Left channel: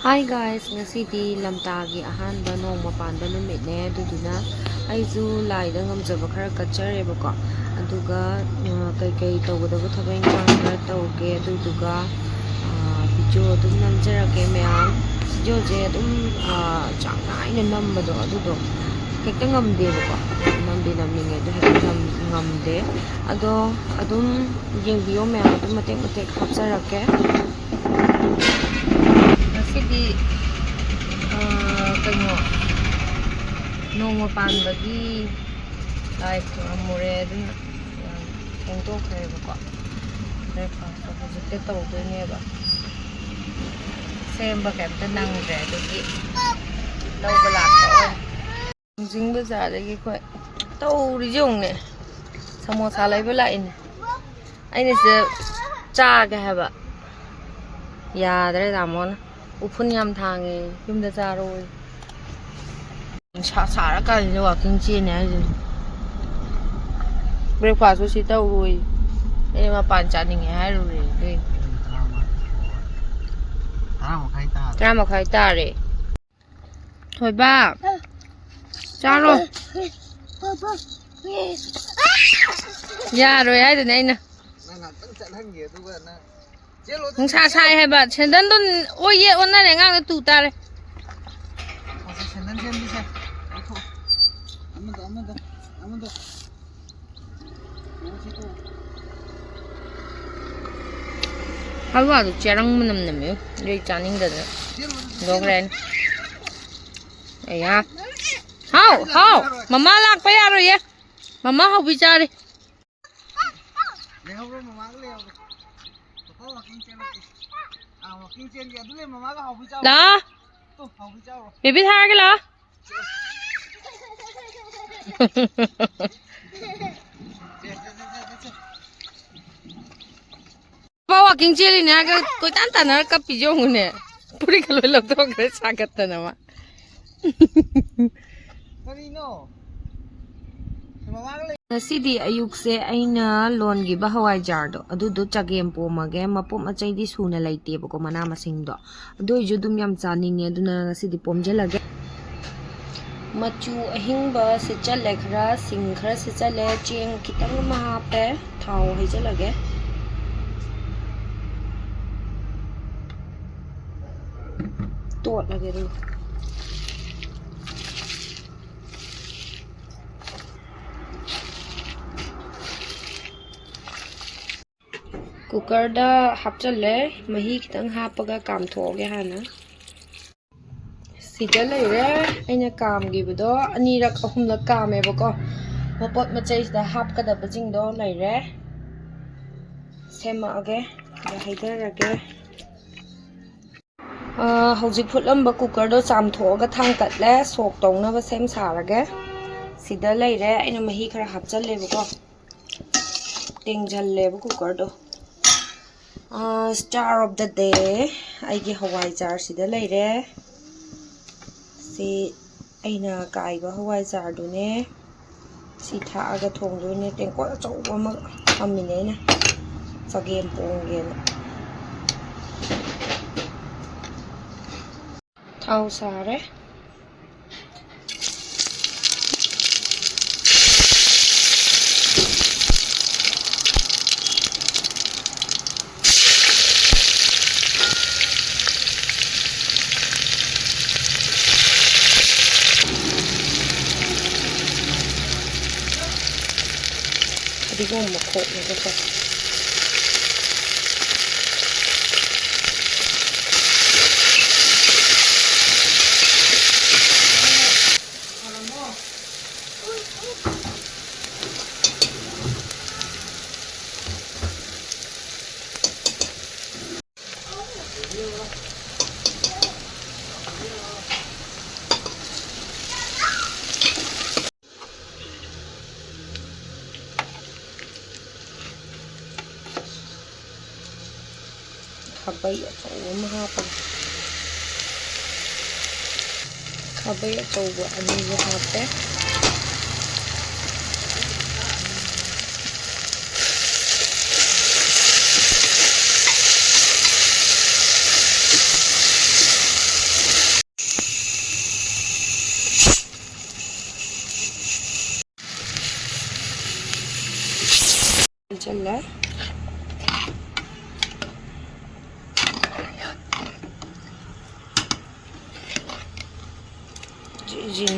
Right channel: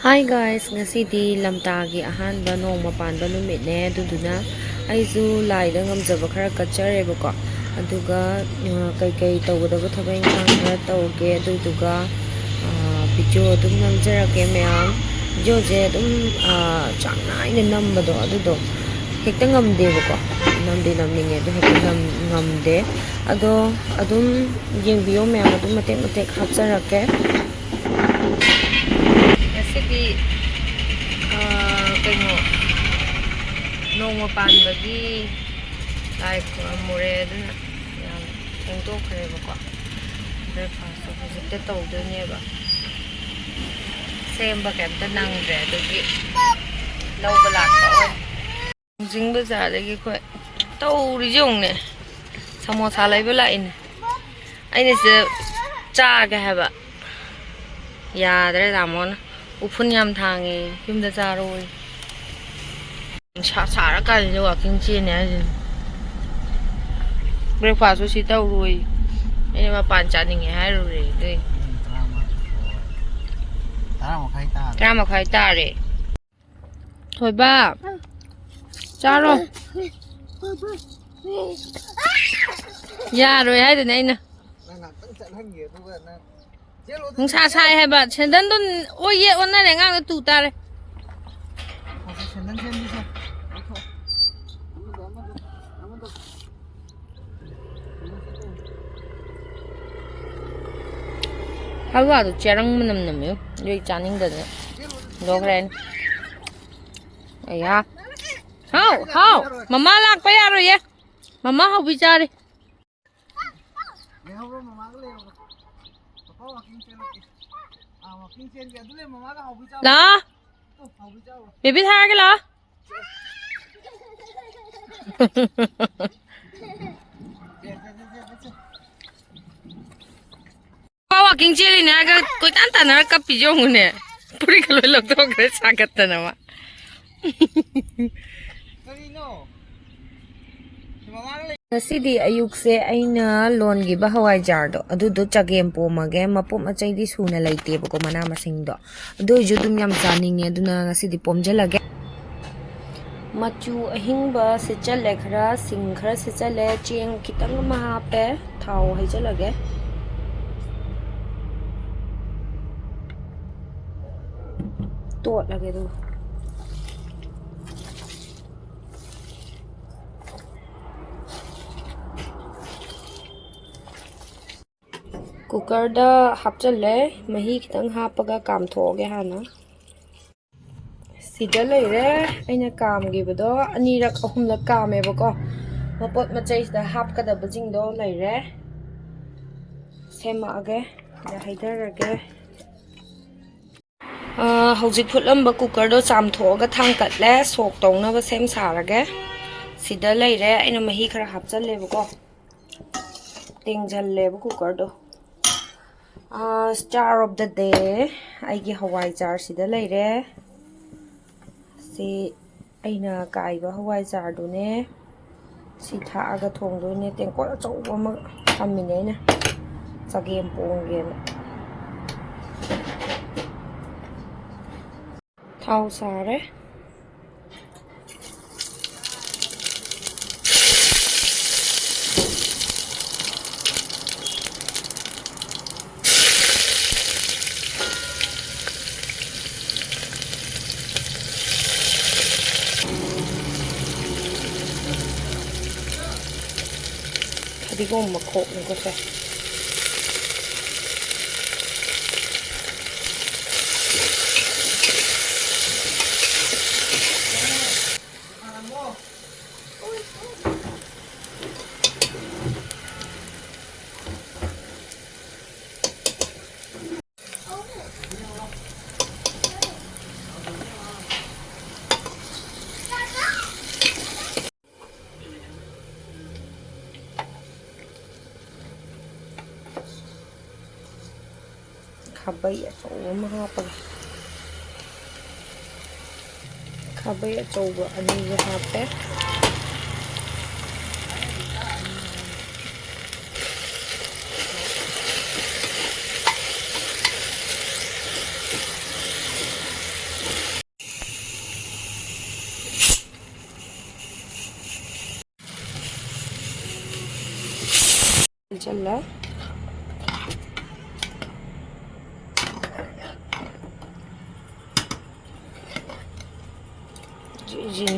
Hi guys, ngasidi Lamtagi Ahanba Nongma Panba numitne aduduna aisu laida ngmjaba khara katchare aduga kai tawgadaba thabak inkhang khara tawge aduduga video adum namjarake ma'am video je adum chang naina nambado adudo hekta ngamdebako namninge adu hekta ngamde ado adum yengbiyo ma'am adum matek hapjarake ngasidi kayno nongma panbagi lai mure aduna yam hengtokhreba breakfast hojikta tawdoineba semba kemta nangdre adugi lawba lakpa oy jing bazardagi khoi tawri jongne samosa laiba laine aine se chaga haba yadre damona ufun yam thange yumda charoi sara ka ni walking chene ajin breakfast si tawroi ene ma pan chaninge hairure dei drama khai tare hoi ba charo yaroi hai dune aina nungsa sai hai ba sendan don oye onnare ngang tu tare halwa du cherang manam namyo yoi chaning da logren aya how mama lak pa yaro ye mama hau bichare la baby thar ke la bawa king cheli ne aga koi tan tan ka pijong ne puri kaloi lok to kre sagat na ma ngasidi ayukse aina longi ba hawai jar do adudo Chagempomba ge mapom achai di suna laite bako mana masing do ado ju dum yam chaninge aduna ngasidi pomjalage machu ahingba se chale khara sing khara se chale cheng kitang ma hape thau hai jalage tot lage do cooker दा हापचले मही खितंग हापगा काम थोगे हाना सिदा लेरे अइना काम गिबदो अनीरक अहुमलक कामेबको मपोत मचैसदा हापकदब जिंगदो लेरे सेमागे या हाइदरगे हौजिक फुटलंबा cooker दो चामथोगा थांगकटले सोक तौनबा same सारगे सिदा लेरे अइना मही खरा हापचलेबको टेंगजल्लेबा कुकर दो star of the day aigi hawai jar sida leire si aina kaiba hawai jar du ne si tha aga thong do ne tengko achau ma thamine na Chagempomba na thau sare Digong makok nito siya. Khabay achauba ma hapag khabay achauba ani hape challa. Ji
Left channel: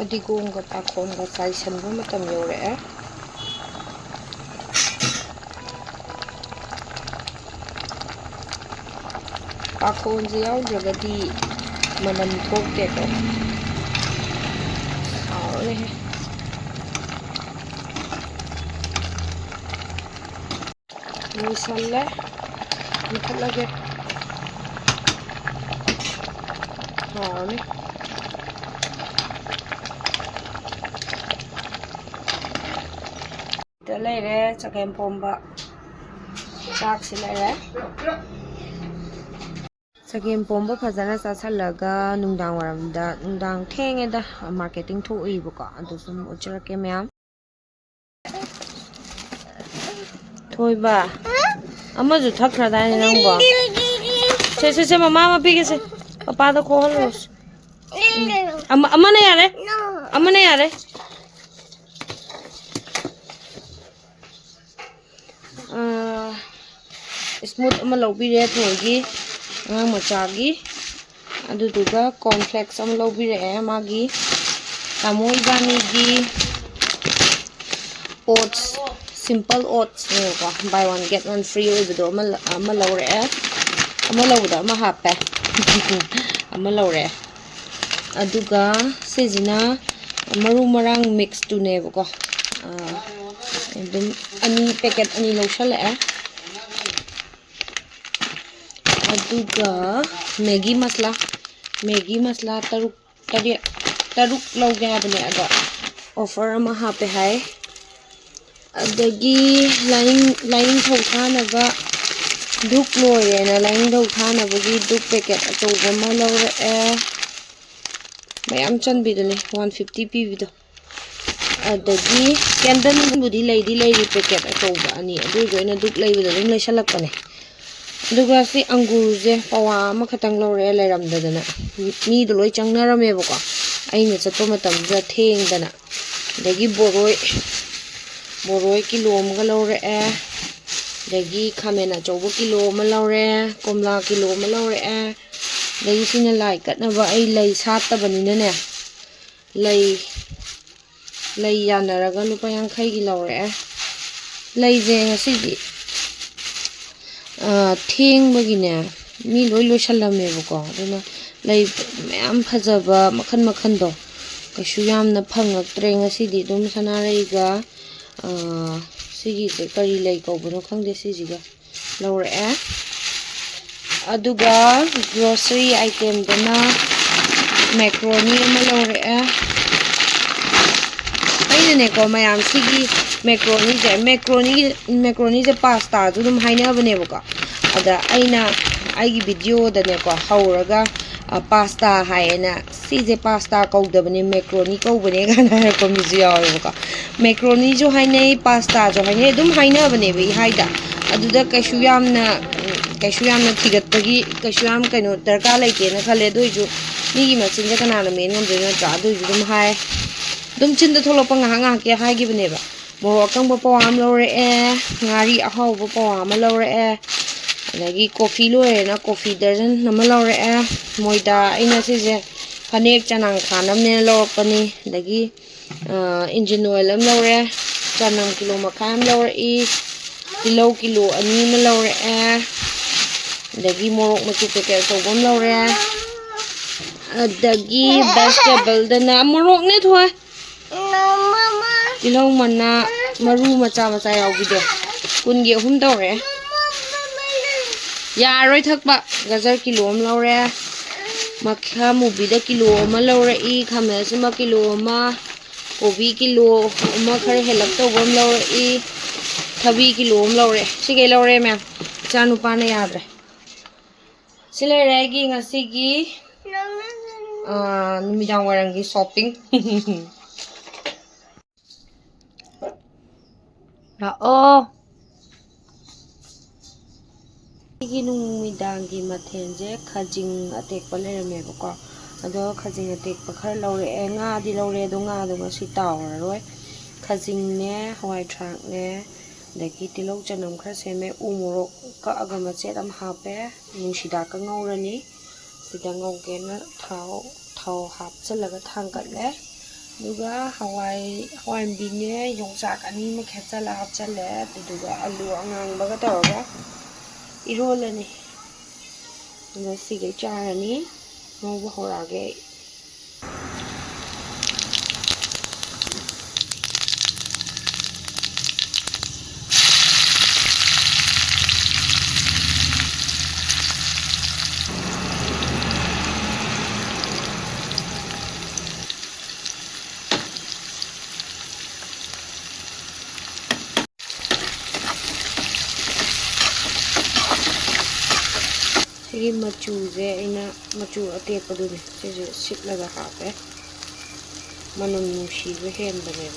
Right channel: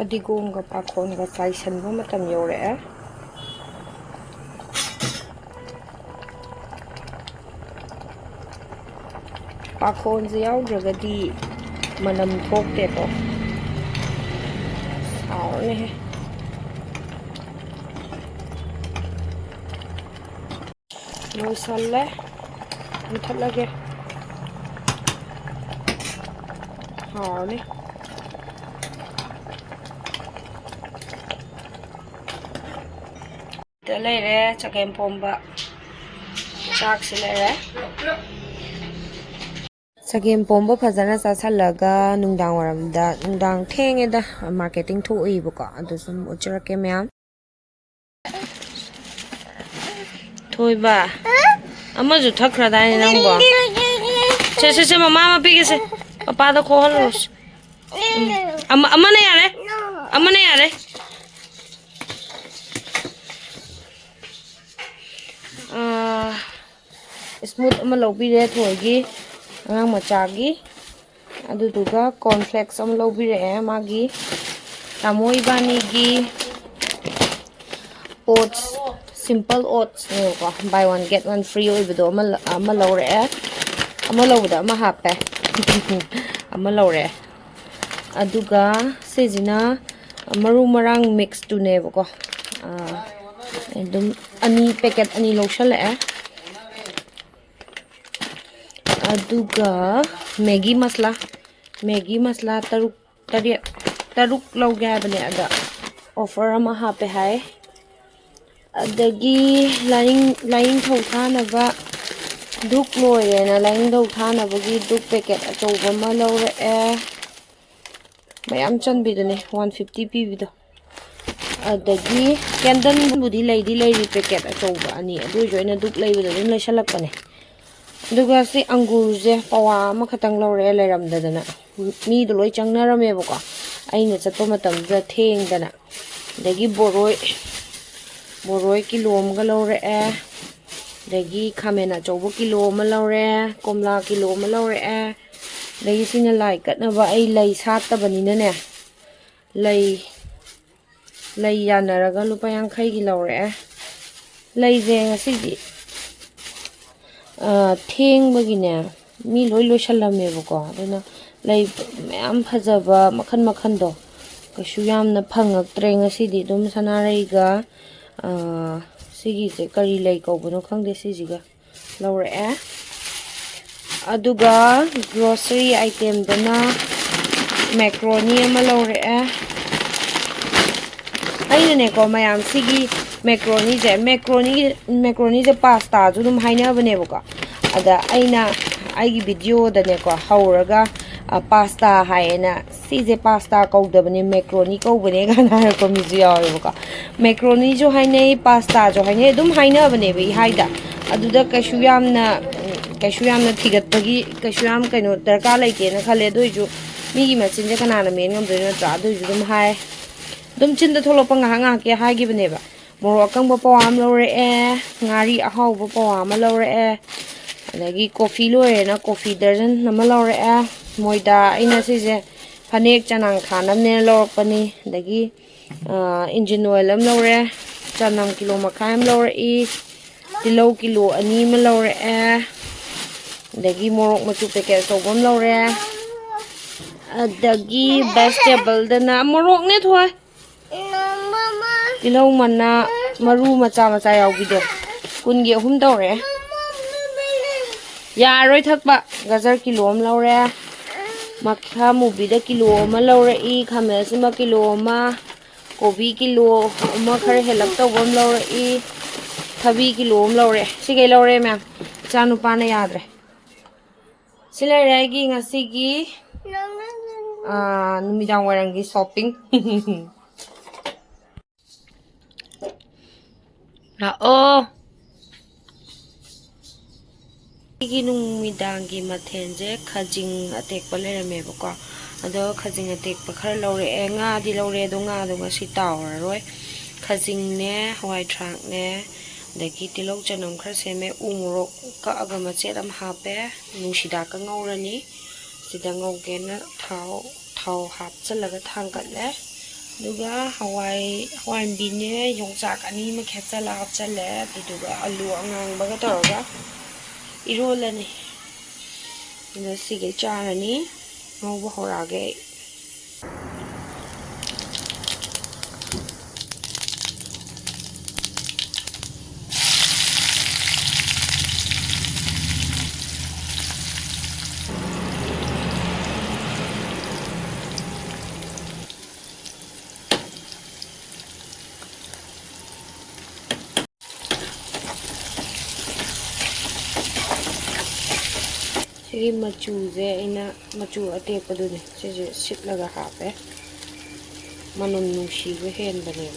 Fadigomga pakhonga saisanba matam yore. Pakhonse yaudragadi manam thokte ko. Haune he. Loisalle muthalage. Haune. Lere Chagempomba chak silere Chagempomba fazana sasalaga nungdang waramda nungdang thengeda marketing thoibuko adu sum uchrake myam thoiba amaju thakra dai nangbo se mama ma pige se papa da ko halos amane yare smooth ama lobire thoigi ngang machagi aduduga cornflakes ama lobire magi tamoi bani gi oats simple oats ne ko buy one get one free oibido ama lore ama lobda ama happe ama lore aduga sejina maru marang mix tu ne ko edum ani packet ani loshal aduga Maggi masla taruk loge habne aga offer ama hape hai adagi line thau thana ba duk loire na line thau thana bagi duk packet atoba ma lore mayam chanbi dune 150 pb do adagi candle budi lady packet atoba ani adu joina duk leibida lim leisalakpane aduga si angurje pawa ama khatang lore leiramdadana mi do loi changnarame bako aina chatto matam ja thengdana dagi boroi kilo amga lore dagi khamena chobo kilo ama lore komla kilo ama lore dagi sina lai katnaba ai lei sattabanina ne lei yanaraga lupa 50 gi lore lei je ngasidi thengbagine mi loi loisalame bako aduna lei mayam phajaba makhan do kaishu yamna phangaktre ngasidi dum sanareiga sigi je kari lei kobno khangde sijiga lore aduga grocery item dana macaroni ama lore aina ne ko mayam sigi macaroni je pasta ju dum haina bane bako ada aina aigi video da ne ko hauraga pasta haena sije pasta kaudabane macaroni kaubane gana ko mi ju yawe bako macaroni jo haine pasta jo haine dum haina bane bi haida aduda kaishu yamna thigat bagi kaishu yam kaino darka laite na khale do ju mi gi machin je kana na men ngam do na tra do ju dum hai dum chin da tholo panga nga ke hai gi bane ba mo akang ba pawam lore ngari ahau ba pawam lore adagi coffee lore na coffee dozen nama lore moida ina sije phanek chanang khanam ne lorpani adagi engine oil am lore chanam kilo makham lore kilo ani ma lore adagi morok machu packet sobam lore adagi vegetable dana morok ne thoi kilo mana maru macha yawbido kungi ahum dore yaroi thakba gajar kilo am lore makha mubida kilo ama lore khamel sima kilo ama kobi kilo ama khare helak tawam lore thabi kilo am lore sige lore ma'am chanu pana yadre sile regi ngasigi numidang warangi shopping ꯂꯥꯛꯑꯣ ꯑꯩꯒꯤ ꯅꯨꯃꯤꯗꯥꯡꯒꯤ ꯃꯊꯦꯜꯁꯦ ꯈꯖꯤꯡ ꯑꯇꯦꯛꯄ ꯂꯩꯔꯝꯃꯦꯕꯀꯣ ꯑꯗꯣ ꯈꯖꯤꯡ ꯑꯇꯦꯛꯄ ꯈꯔ ꯂꯧꯔꯛꯑꯦ ꯉꯥꯗꯤ ꯂꯧꯔꯛꯑꯦ ꯑꯗꯣ ꯉꯥꯗꯣ ꯉꯁꯤ ꯇꯥꯎꯔꯔꯣꯏ ꯈꯖꯤꯡꯅꯦ ꯍꯋꯥꯏ ꯊꯔꯥꯛꯅꯦ ꯑꯗꯒꯤ ꯇꯤꯜꯍꯧ ꯆꯅꯝ ꯈꯔ ꯁꯦꯝꯃꯦ ꯎ ꯃꯣꯔꯣꯛ ꯀꯛꯑꯒ ꯃꯆꯦꯠ ꯑꯃ ꯍꯥꯞꯄꯦ ꯅꯨꯡꯁꯤꯗꯥꯛꯀ ꯉꯧꯔꯅꯤ ꯁꯤꯗ ꯉꯧꯒꯦꯅ ꯊꯥꯎ ꯍꯥꯞꯆꯤꯜꯂꯒ ꯊꯥꯡꯒꯠꯂꯦ ꯑꯗꯨꯒ ꯍꯋꯥꯏꯟꯕꯤꯅꯦ ꯌꯣꯡꯆꯥꯛ ꯑꯅꯤꯃ ꯈꯦꯠꯆꯜꯂ ꯍꯥꯞꯆꯜꯂꯦ ꯑꯗꯨꯗꯨꯒ ꯑꯂꯨ ꯑꯉꯥꯡꯕꯒ ꯇꯧꯔꯒ 이rol라니 이제 시계 짜라니 너무 호라게 시기 마추제 이나 마추 아테빠두네 시제 씻라가 하베 만원 누시고 해한다네요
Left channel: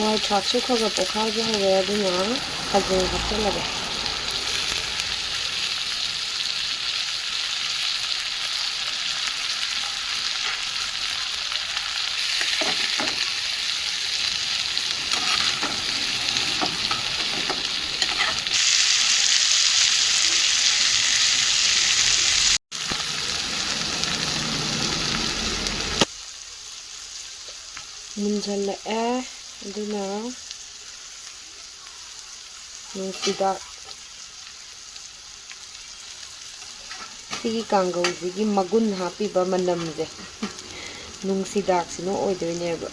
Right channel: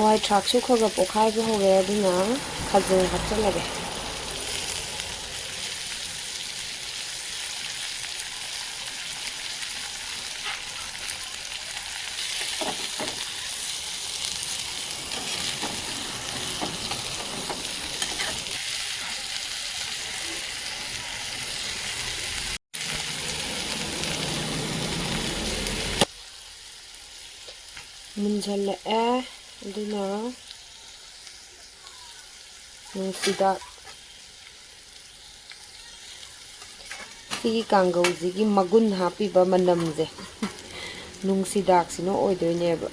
와이 닭수커가 볶아줘 왜 그냥 가지고 갑자기 문질러에 누나 누시다 시기 kanghou지기 마군 하피바 만남제 누시닥시노 오이도이네바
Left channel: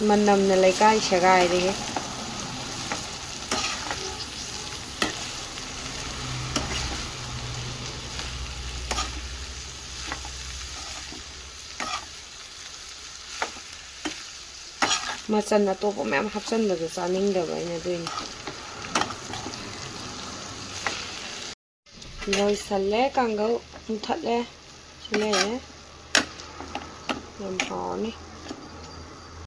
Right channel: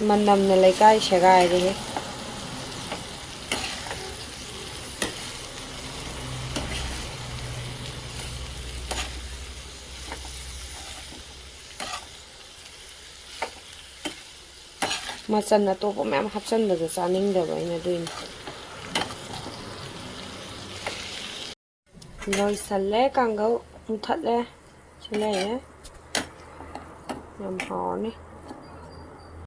만남나 레카이 샤가이레 मचन अतोप मैम हापचनबदो चानिंगदबा आइना दुइनि लोइसल्ले kanghou मुथाले सिलाये यम हावनी